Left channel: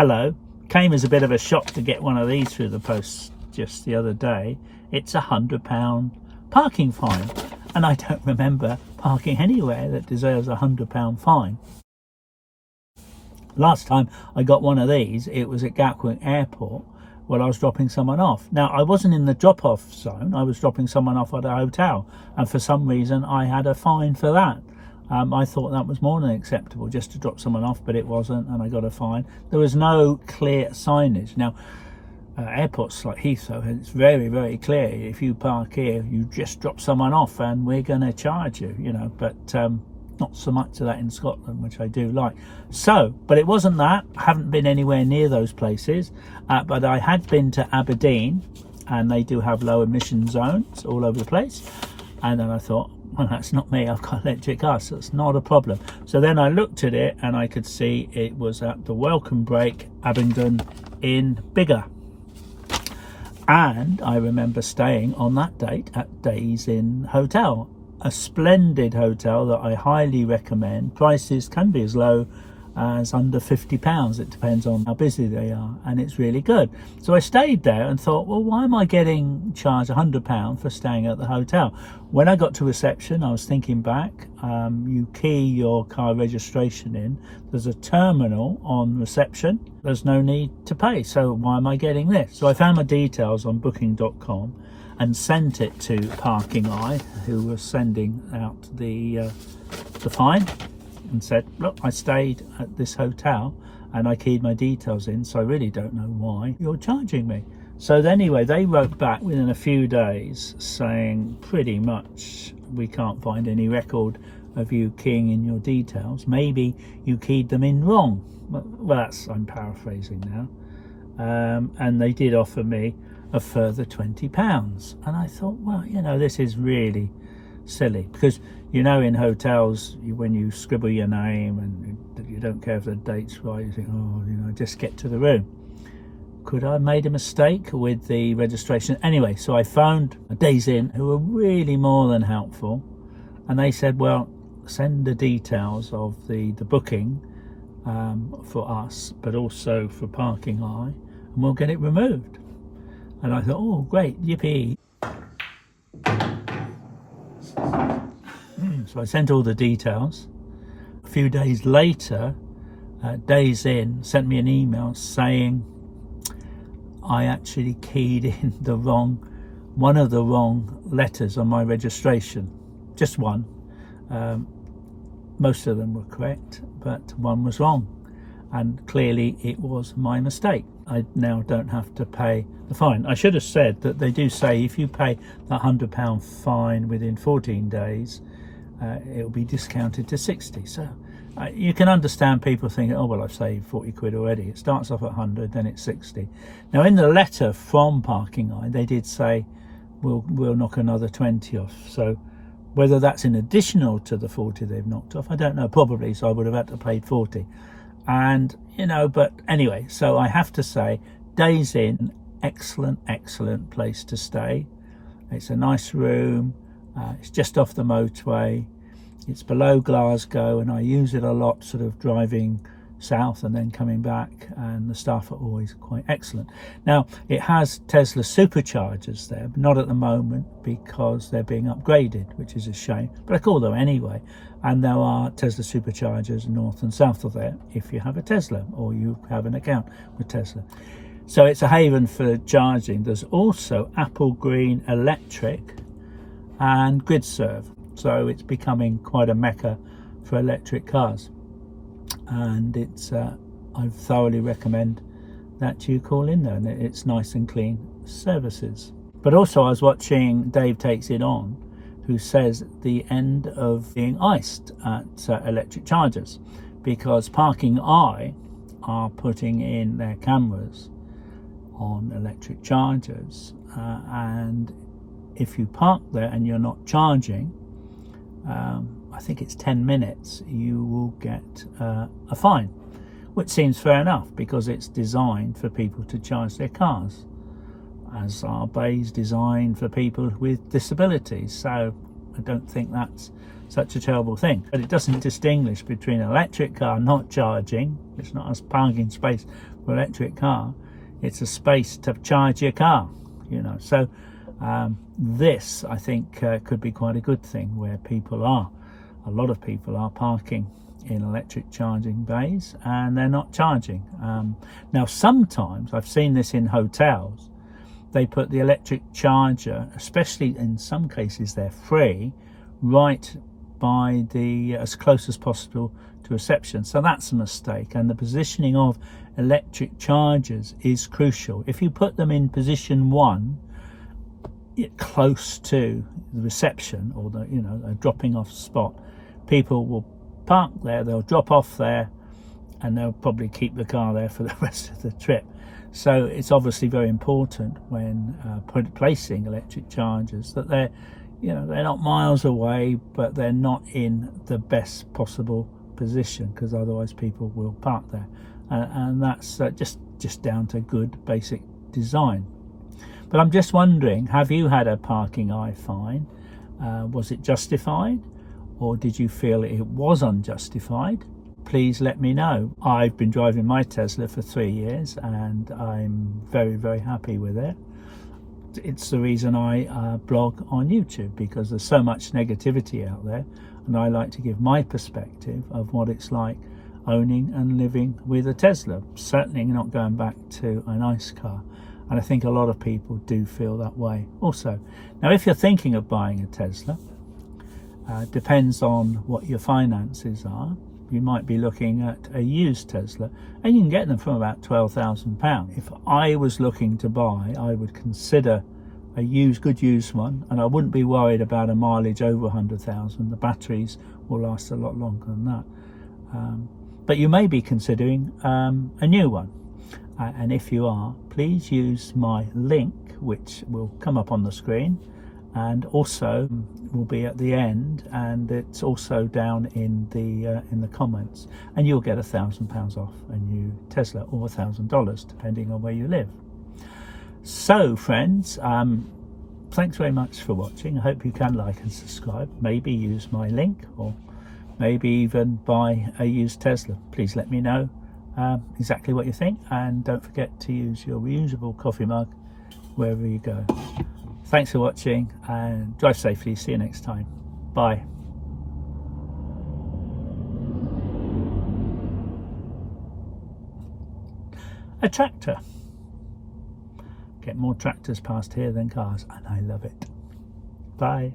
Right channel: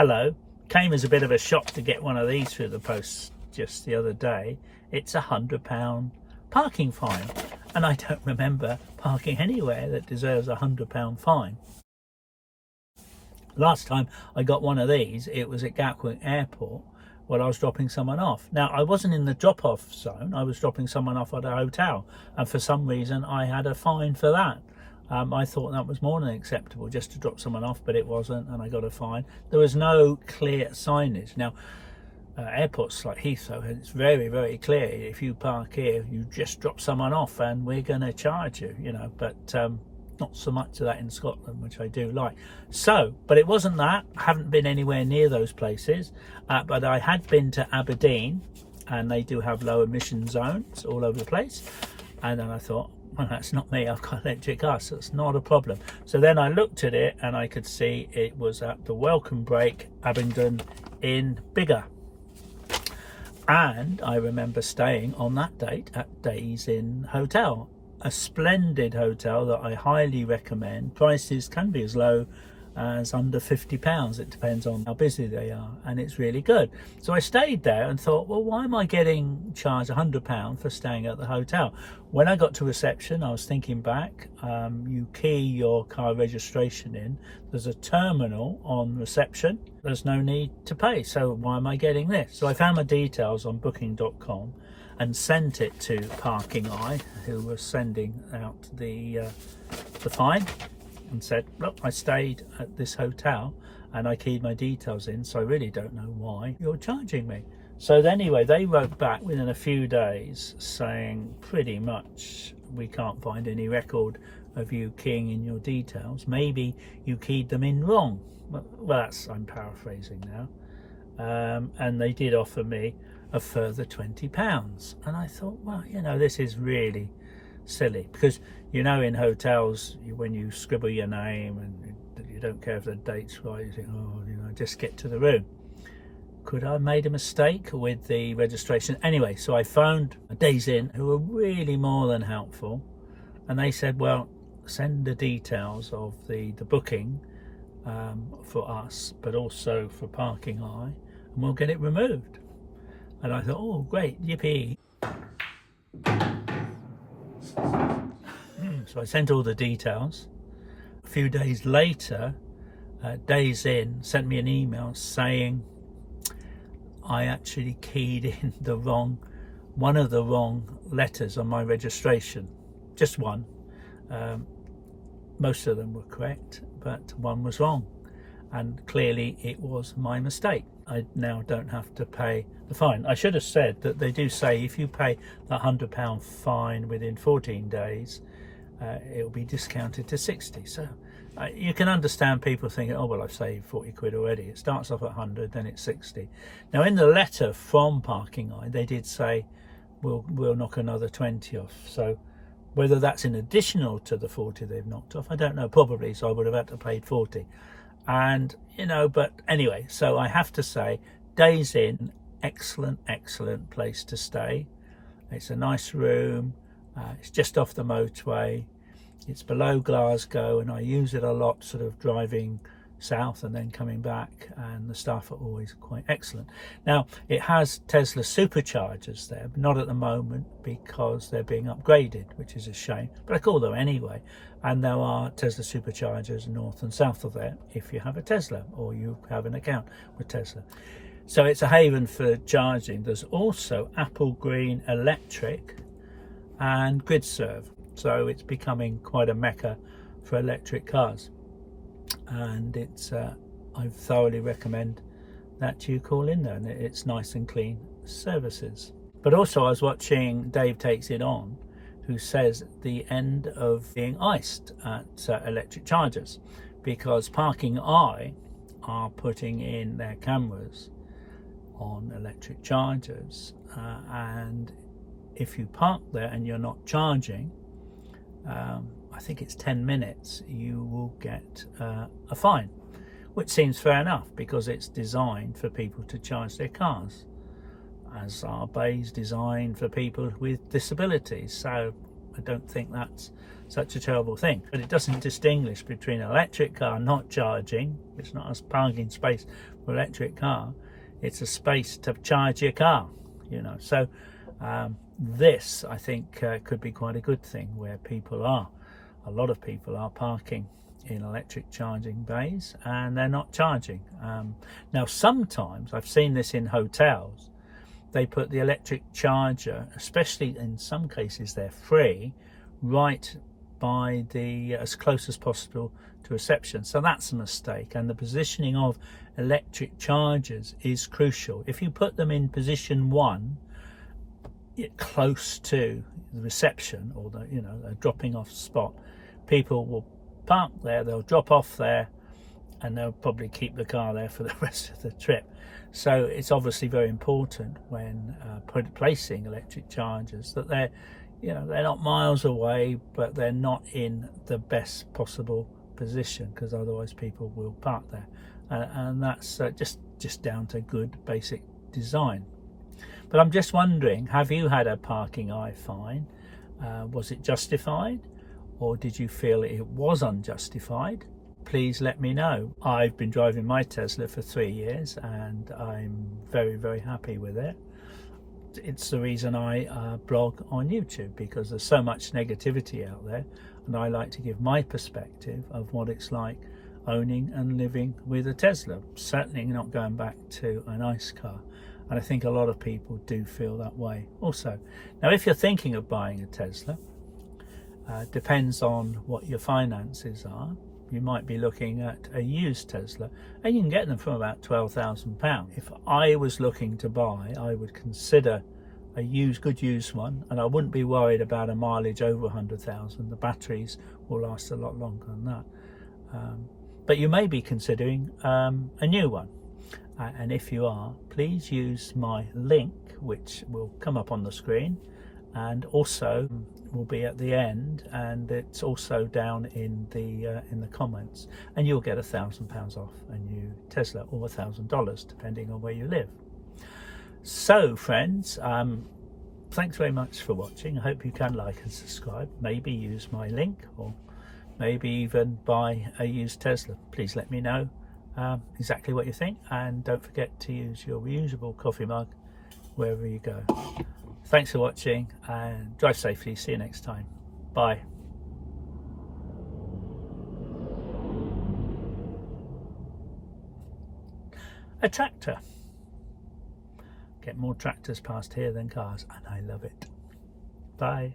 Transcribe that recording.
Hello. Came as a bit of a shock to get one of these through the post just the other day. It's £100 parking fine, and I don't remember parking anywhere that deserves £100 fine. Last time I got one of these, it was at Gatwick Airport while I was dropping someone off. Now, I wasn't in the drop-off zone, I was dropping someone off at a hotel, and for some reason I had a fine for that. I thought that was more than acceptable, just to drop someone off, but it wasn't, and I got a fine. There was no clear signage. Now, airports like Heathrow, it's very, very clear. If you park here, you just drop someone off and we're going to charge you, you know, but not so much of that in Scotland, which I do like. So, but it wasn't that. I haven't been anywhere near those places, but I had been to Aberdeen, and they do have low emission zones all over the place. And then I thought, well, that's not me, I've got electric cars, so it's not a problem. So then I looked at it and I could see it was at the Welcome Break, Abingdon in Biggar. And I remember staying on that date at Days Inn Hotel, a splendid hotel that I highly recommend. Prices can be as low as under £50. It depends on how busy they are, and it's really good. So I stayed there and thought, well, why am I getting charged £100 for staying at the hotel? When I got to reception, I was thinking back. You key your car registration in, there's a terminal on reception, there's no need to pay, so why am I getting this? So I found my details on booking.com and sent it to Parking Eye, who was sending out the fine, and said, look, I stayed at this hotel and I keyed my details in, so I really don't know why you're charging me. So anyway, they wrote back within a few days saying pretty much, we can't find any record of you keying in your details. Maybe you keyed them in wrong. Well, that's, I'm paraphrasing now. And they did offer me a further £20. And I thought, well, you know, this is really silly, because you know, in hotels, when you scribble your name and you don't care if the date's right, you think, oh, you know, just get to the room. Could I have made a mistake with the registration? Anyway, so I phoned Days Inn, who were really more than helpful, and they said, well, send the details of the booking for us, but also for Parking Eye, and we'll get it removed. And I thought, oh, great, yippee. So I sent all the details. A few days later, Days Inn sent me an email saying I actually keyed in one of the wrong letters on my registration. Just one. Most of them were correct, but one was wrong. And clearly it was my mistake. I now don't have to pay the fine. I should have said that they do say if you pay the £100 fine within 14 days, it will be discounted to 60. So you can understand people thinking, oh, well, I've saved 40 quid already. It starts off at 100, then it's 60. Now, in the letter from Parking Eye, they did say, we'll knock another 20 off. So whether that's in additional to the 40 they've knocked off, I don't know, probably. So I would have had to pay 40. And, you know, but anyway, so I have to say, Days Inn, excellent place to stay. It's a nice room. It's just off the motorway. It's below Glasgow, and I use it a lot, sort of driving south and then coming back, and the staff are always quite excellent. Now, it has Tesla superchargers there, but not at the moment because they're being upgraded, which is a shame, but I call them anyway. And there are Tesla superchargers north and south of there if you have a Tesla or you have an account with Tesla. So it's a haven for charging. There's also Apple Green Electric and GridServe, so it's becoming quite a mecca for electric cars, and it's I thoroughly recommend that you call in there, and it's nice and clean services. But also I was watching Dave Takes It On, who says the end of being iced at electric chargers, because Parking Eye are putting in their cameras on electric chargers, and if you park there and you're not charging, I think it's 10 minutes, you will get a fine, which seems fair enough because it's designed for people to charge their cars, as are bays designed for people with disabilities. So I don't think that's such a terrible thing. But it doesn't distinguish between an electric car not charging. It's not a parking space for an electric car. It's a space to charge your car, you know. So this, I think, could be quite a good thing, where a lot of people are parking in electric charging bays and they're not charging. Now, sometimes I've seen this in hotels. They put the electric charger, especially in some cases they're free, right by the as close as possible to reception. So that's a mistake, and the positioning of electric chargers is crucial. If you put them in position 1, close to the reception, or the, you know, a dropping off spot, people will park there, they'll drop off there, and they'll probably keep the car there for the rest of the trip. So it's obviously very important when placing electric chargers that they're, you know, they're not miles away, but they're not in the best possible position, because otherwise people will park there, and that's just down to good basic design. But I'm just wondering, have you had a parking eye fine? Was it justified, or did you feel it was unjustified? Please let me know. I've been driving my Tesla for 3 years and I'm very, very happy with it. It's the reason I blog on YouTube, because there's so much negativity out there, and I like to give my perspective of what it's like owning and living with a Tesla. Certainly not going back to a nice car, and I think a lot of people do feel that way also. Now, if you're thinking of buying a Tesla, depends on what your finances are. You might be looking at a used Tesla, and you can get them from about £12,000. If I was looking to buy, I would consider a good used one, and I wouldn't be worried about a mileage over 100,000. The batteries will last a lot longer than that. But you may be considering a new one, and if you are, please use my link, which will come up on the screen, and also will be at the end, and it's also down in the comments, and you'll get £1,000 off a new Tesla, or $1,000 depending on where you live. So friends, thanks very much for watching. I hope you can like and subscribe, maybe use my link, or maybe even buy a used Tesla. Please let me know exactly what you think, and don't forget to use your reusable coffee mug wherever you go. Thanks for watching, and drive safely. See you next time. Bye. A tractor. Get more tractors past here than cars, and I love it. Bye.